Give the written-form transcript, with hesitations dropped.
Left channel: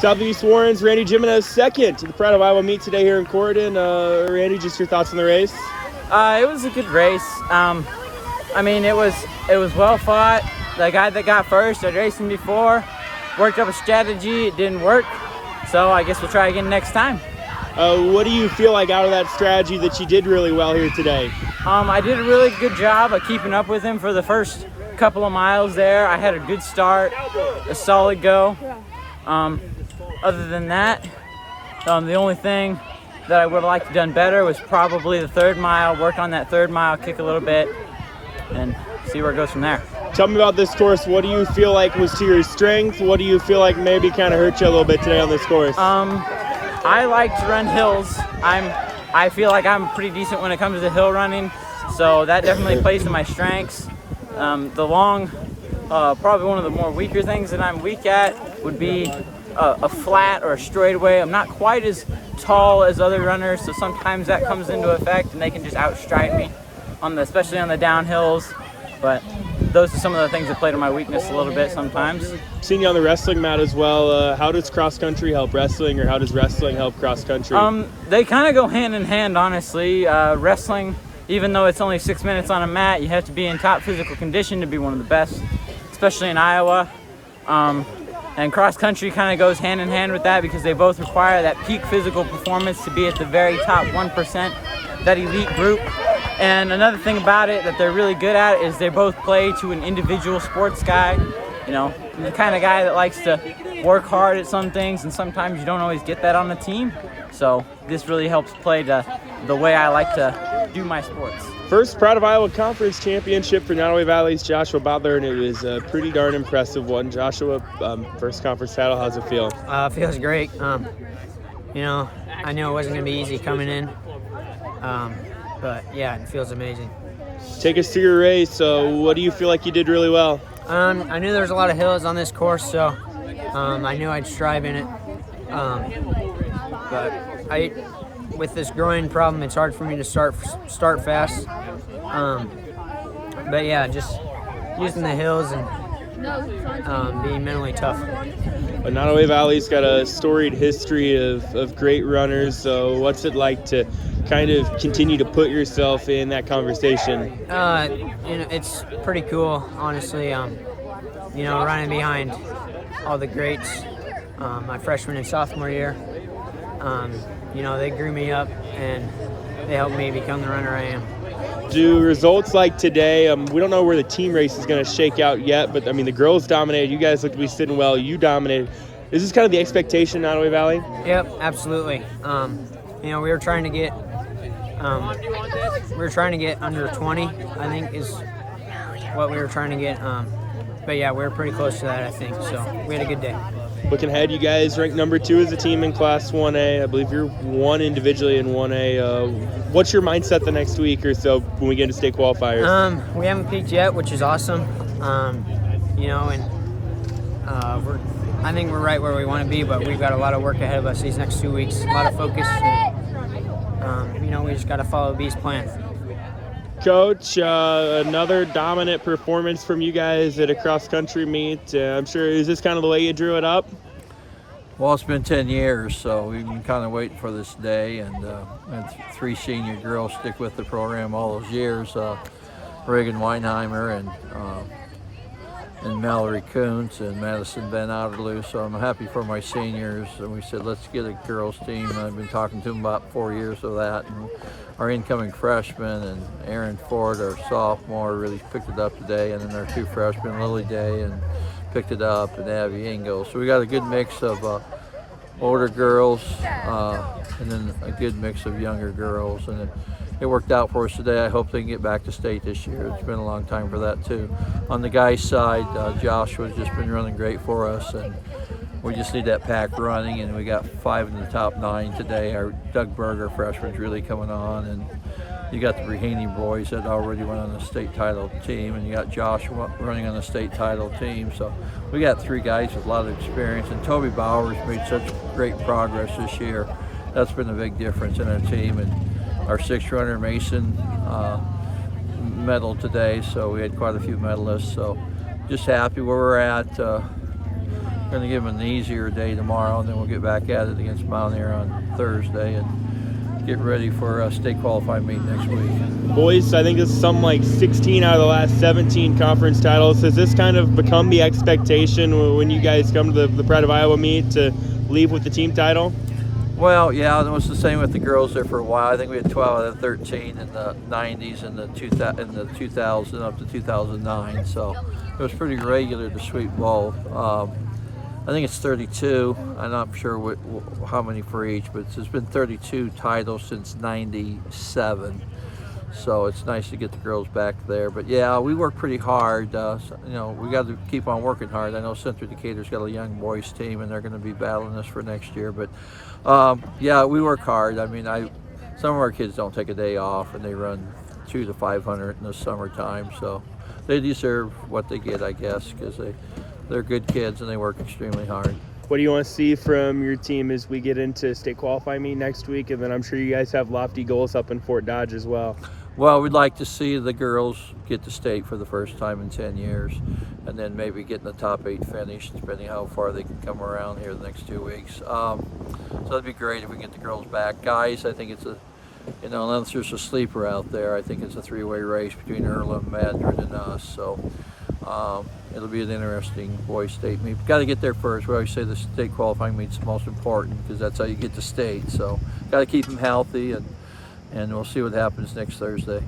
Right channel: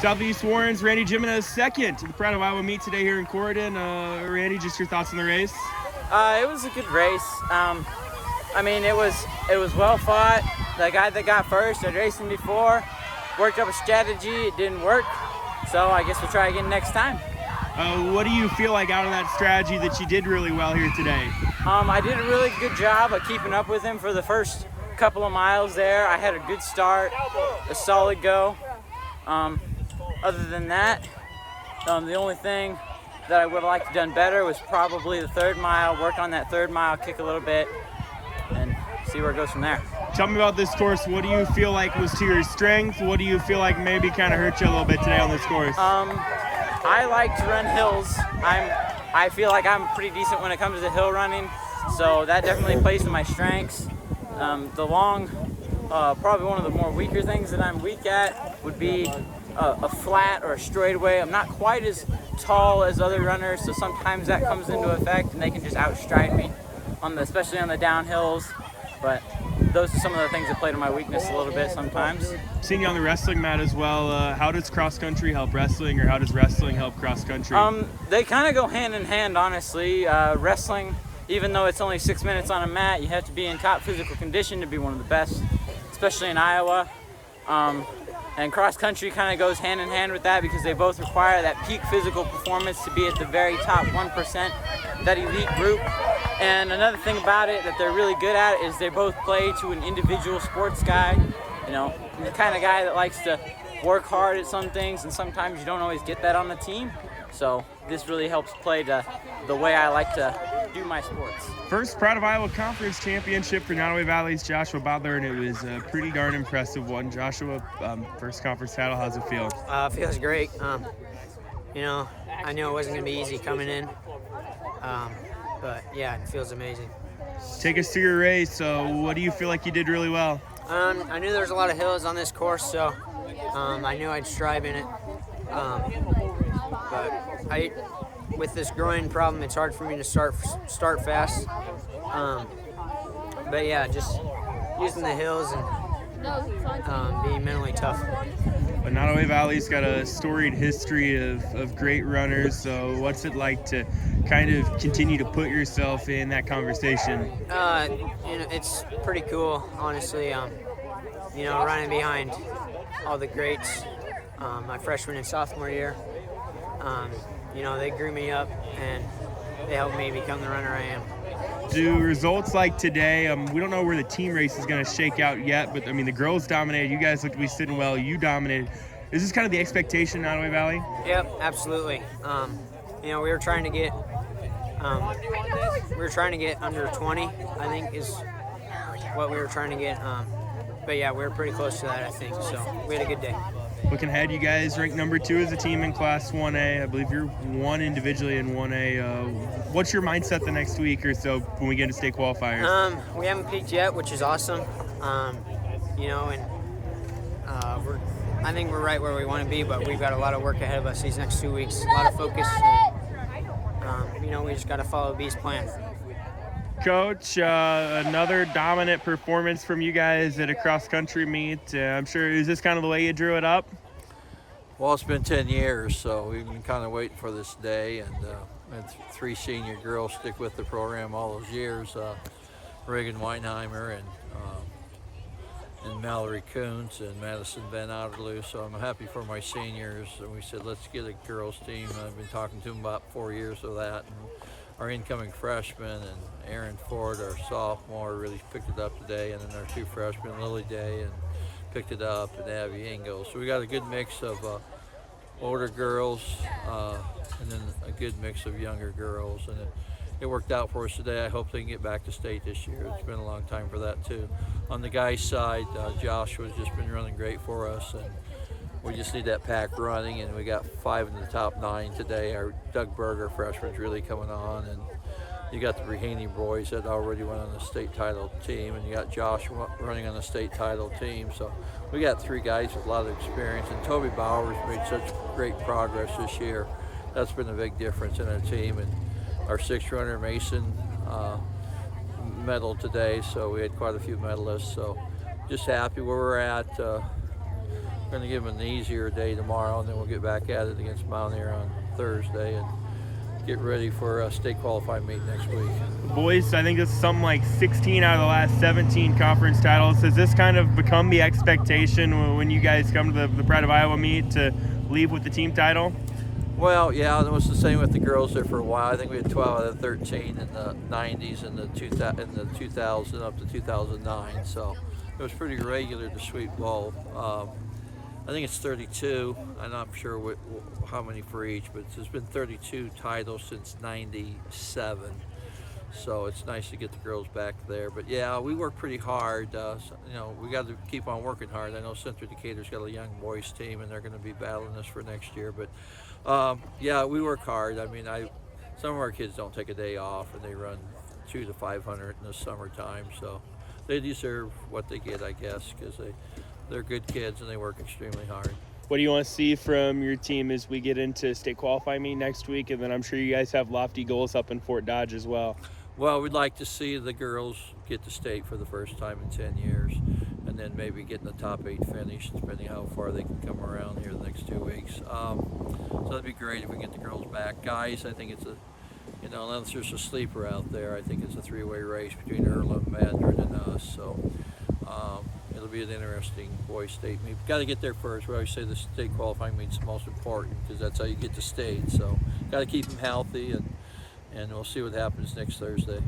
Southeast Warren's Randy Jimenez second to the Pride of Iowa meet today here in Corydon. Randy, just your thoughts on the race? It was a good race. I mean, it was well fought. The guy that got first, I'd raced him before, worked up a strategy. It didn't work, so I guess we'll try again next time. What do you feel like out of that strategy that you did really well here today? I did a really good job of keeping up with him for the first couple of miles there. I had a good start, a solid go. Other than that, the only thing that I would have liked to have done better was probably the 3rd mile, work on that 3rd mile, kick a little bit, and see where it goes from there. Tell me about this course. What do you feel like was to your strength? What do you feel like maybe kind of hurt you a little bit today on this course? I like to run hills. I feel like I'm pretty decent when it comes to hill running, so that definitely plays to my strengths. The long, probably one of the more weaker things that I'm weak at would be a flat or a straightaway. I'm not quite as tall as other runners, so sometimes that comes into effect and they can just outstride me, especially on the downhills. But those are some of the things that play to my weakness a little bit sometimes. Seeing you on the wrestling mat as well, how does cross country help wrestling, or how does wrestling help cross country? They kind of go hand in hand, honestly. Wrestling, even though it's only 6 minutes on a mat, you have to be in top physical condition to be one of the best, especially in Iowa. And cross country kind of goes hand in hand with that because they both require that peak physical performance to be at the very top 1%, that elite group. And another thing about it that they're really good at is they both play to an individual sports guy. You know, the kind of guy that likes to work hard at some things, and sometimes you don't always get that on the team. So this really helps play to the way I like to do my sports. First Pride of Iowa Conference Championship for Nottoway Valley's Joshua Butler, and it was a pretty darn impressive one. Joshua, first conference title, how's it feel? It feels great. You know, I knew it wasn't going to be easy coming in, but yeah, it feels amazing. Take us to your race. What do you feel like you did really well? I knew there was a lot of hills on this course, so I knew I'd strive in it. But with this groin problem, it's hard for me to start fast. But yeah, just using the hills and being mentally tough. Nottoway Valley's got a storied history of great runners, so what's it like to kind of continue to put yourself in that conversation? You know, it's pretty cool, honestly. You know, running behind all the greats, my freshman and sophomore year. You know, they grew me up and they helped me become the runner I am. Do results like today, we don't know where the team race is going to shake out yet, but I mean, the girls dominated. You guys look to be sitting well. You dominated. Is this kind of the expectation in Nottoway Valley? Yep, absolutely. You know, we were trying to get under 20, I think is what we were trying to get. But yeah, we were pretty close to that, I think. So we had a good day. Looking ahead, you guys ranked number 2 as a team in Class 1A. I believe you're 1 individually in 1A. What's your mindset the next week or so when we get to state qualifiers? We haven't peaked yet, which is awesome. You know, and I think we're right where we want to be, but we've got a lot of work ahead of us these next 2 weeks. A lot of focus. And, you know, we just got to follow B's plan. Coach, another dominant performance from you guys at a cross-country meet. I'm sure, is this kind of the way you drew it up? Well, it's been 10 years, so we've been kind of waiting for this day, and had 3 senior girls stick with the program all those years. Reagan Weinheimer and Mallory Kuntz and Madison Van Outerloo, so I'm happy for my seniors. And we said, let's get a girls team. I've been talking to them about 4 years of that. And our incoming freshman and Aaron Ford, our sophomore, really picked it up today. And then our 2 freshmen, Lily Day, and picked it up, and Abby Engel. So we got a good mix of older girls and then a good mix of younger girls. And it worked out for us today. I hope they can get back to state this year. It's been a long time for that too. On the guys' side, Joshua's just been running great for us, and we just need that pack running, and we got 5 in the top 9 today. Our Doug Berger freshman's really coming on, and you got the Raheny boys that already went on the state title team, and you got Joshua running on the state title team. So we got 3 guys with a lot of experience, and Toby Bowers made such great progress this year. That's been a big difference in our team. And our 6 runner Mason medaled today, so we had quite a few medalists. So just happy where we're at. going to give them an easier day tomorrow, and then we'll get back at it against Mountaineer on Thursday and get ready for a state qualifying meet next week. Boys, I think this is something like 16 out of the last 17 conference titles. Has this kind of become the expectation when you guys come to the Pride of Iowa meet to leave with the team title? Well, yeah, it was the same with the girls there for a while. I think we had 12 out of 13 in the 90s and the 2000 up to 2009. So it was pretty regular to sweep both. I think it's 32. I'm not sure how many for each, but there's been 32 titles since '97. So it's nice to get the girls back there. But yeah, we work pretty hard. We got to keep on working hard. I know Central Decatur's got a young boys team, and they're going to be battling us for next year. But yeah, we work hard. I mean, some of our kids don't take a day off, and they run 200 to 500 in the summertime. So they deserve what they get, I guess, because they're good kids and they work extremely hard. What do you want to see from your team as we get into state qualifying meet next week? And then I'm sure you guys have lofty goals up in Fort Dodge as well. Well, we'd like to see the girls get to state for the first time in 10 years, and then maybe get in the top 8 finish, depending how far they can come around here the next 2 weeks. So that'd be great if we can get the girls back. Guys, I think it's unless there's a sleeper out there, I think it's a 3-way race between Earlham, Madrid, and us. So it'll be an interesting boys state meet. We've got to get there first. We always say the state qualifying meet's the most important because that's how you get to state. So got to keep them healthy, and we'll see what happens next Thursday.